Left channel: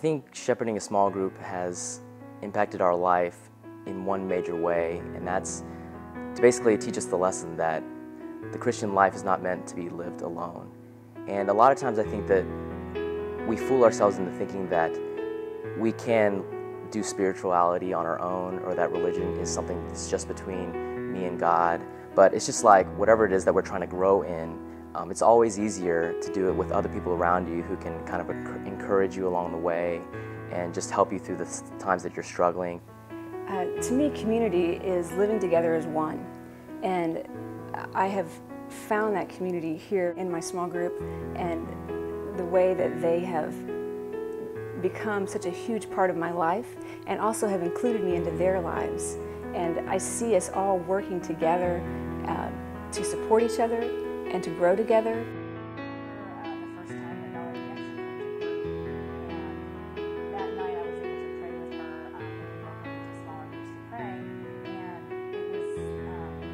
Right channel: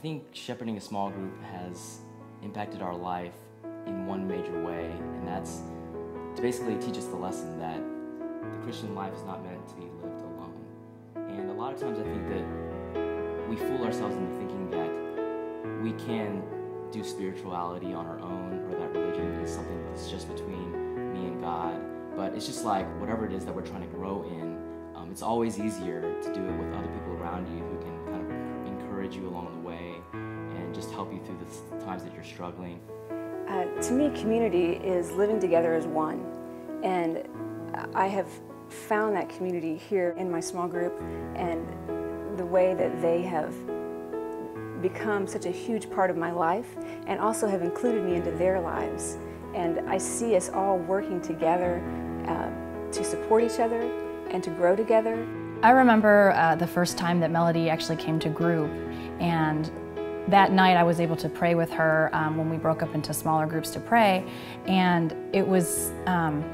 think shepherding a small group has impacted our life in one major way, and that's to basically teach us the lesson that the Christian life is not meant to be lived alone. And a lot of times I think that we fool ourselves into thinking that we can do spirituality on our own, or that religion is something that's just between me and God. But it's just like whatever it is that we're trying to grow in, it's always easier to do it with other people around you who can kind of encourage you along the way and just help you through the times that you're struggling. To me, community is living together as one. And I have found that community here in my small group, and the way that they have become such a huge part of my life and also have included me into their lives. And I see us all working together to support each other and to grow together. I remember the first time that Melody actually came to group, and that night I was able to pray with her when we broke up into smaller groups to pray, and it was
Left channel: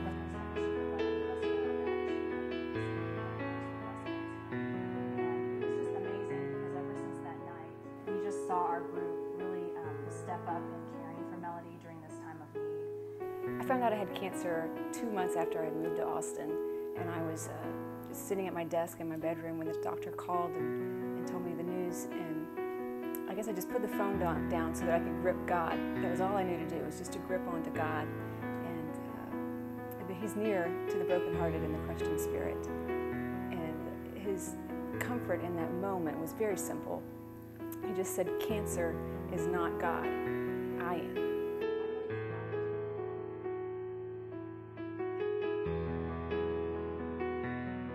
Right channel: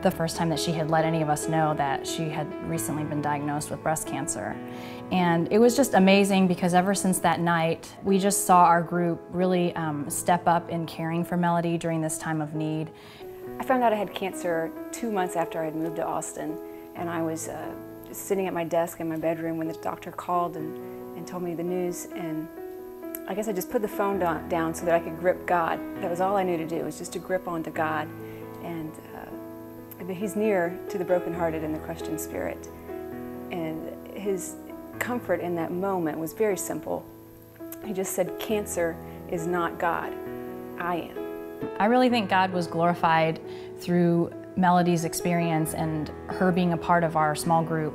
the first time that she had let any of us know that she had recently been diagnosed with breast cancer. And it was just amazing because ever since that night, we just saw our group really step up in caring for Melody during this time of need. I found out I had cancer 2 months after I had moved to Austin, and I was just sitting at my desk in my bedroom when the doctor called and told me the news, and I guess I just put the phone down so that I could grip God. That was all I knew to do, was just to grip onto God. And He's near to the brokenhearted and the crushed in spirit. And His comfort in that moment was very simple. He just said, cancer is not God, I am. I really think God was glorified through Melody's experience and her being a part of our small group,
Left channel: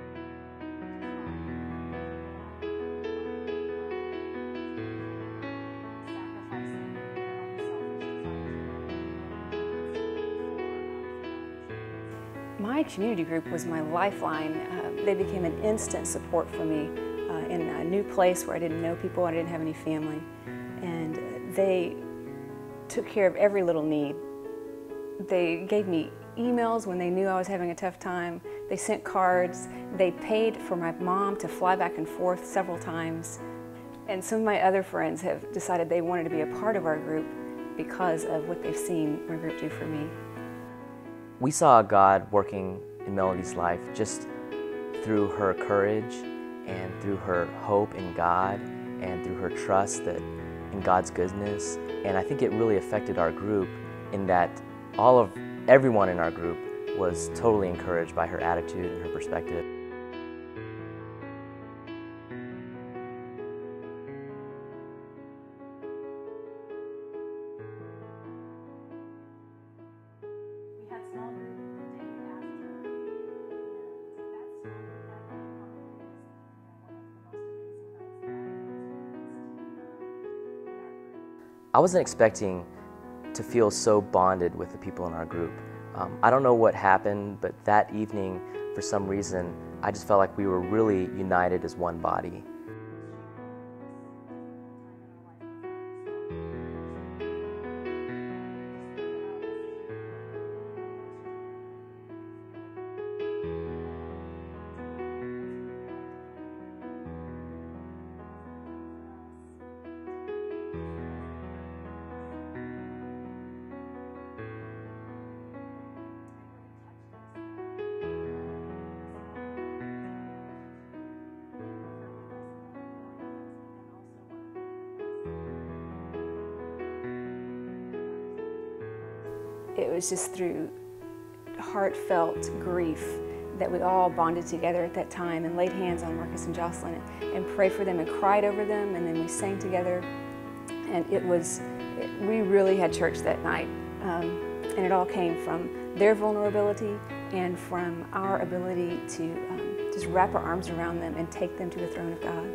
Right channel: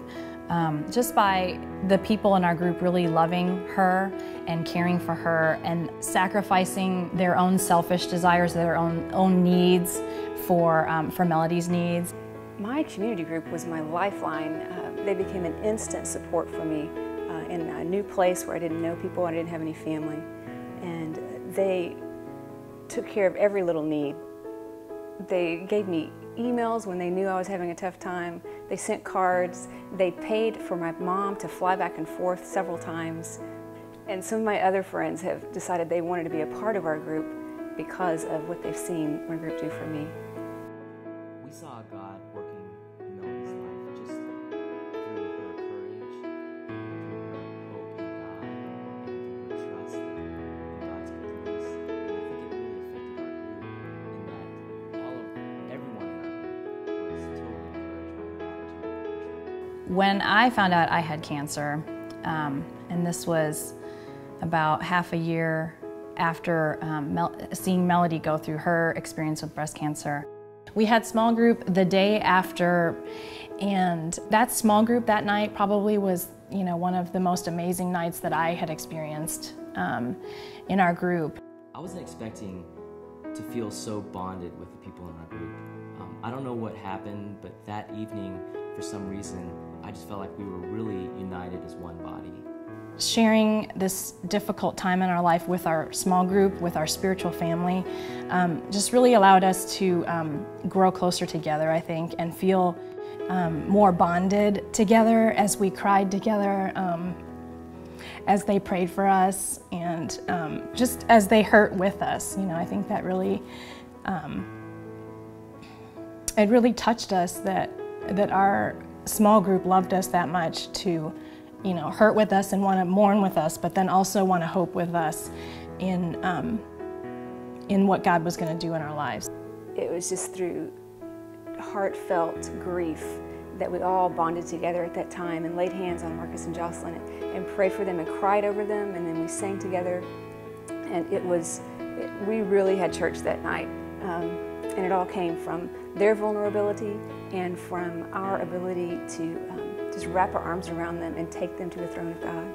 just by the people in our group really loving her and caring for her and sacrificing their own selfish desires, their own needs for Melody's needs. My community group was my lifeline. They became an instant support for me in a new place where I didn't know people, I didn't have any family, and they took care of every little need. They gave me emails when they knew I was having a tough time. They sent cards. They paid for my mom to fly back and forth several times. And some of my other friends have decided they wanted to be a part of our group because of what they've seen our group do for me. We saw God working in Melody's life just through her courage and through her hope in God and through her trust in God's goodness. And I think it really affected our group in that everyone in our group was totally encouraged by her attitude and her perspective. When I found out I had cancer, and this was about half a year after seeing Melody go through her experience with breast cancer, we had small group the day after, and that small group that night probably was, one of the most amazing nights that I had experienced in our group. I wasn't expecting to feel so bonded with the people in our group. I don't know what happened, but that evening, for some reason, I just felt like we were really united as one body. Sharing this difficult time in our life with our small group, with our spiritual family, just really allowed us to grow closer together, I think, and feel more bonded together as we cried together, as they prayed for us, and just as they hurt with us. I think that really, it really touched us that our small group loved us that much to hurt with us and want to mourn with us, but then also want to hope with us in what God was going to do in our lives. It was just through heartfelt grief that we all bonded together at that time and laid hands on Marcus and Jocelyn and prayed for them and cried over them, and then we sang together. And we really had church that night. And it all came from their vulnerability and from our ability to just wrap our arms around them and take them to the throne of God.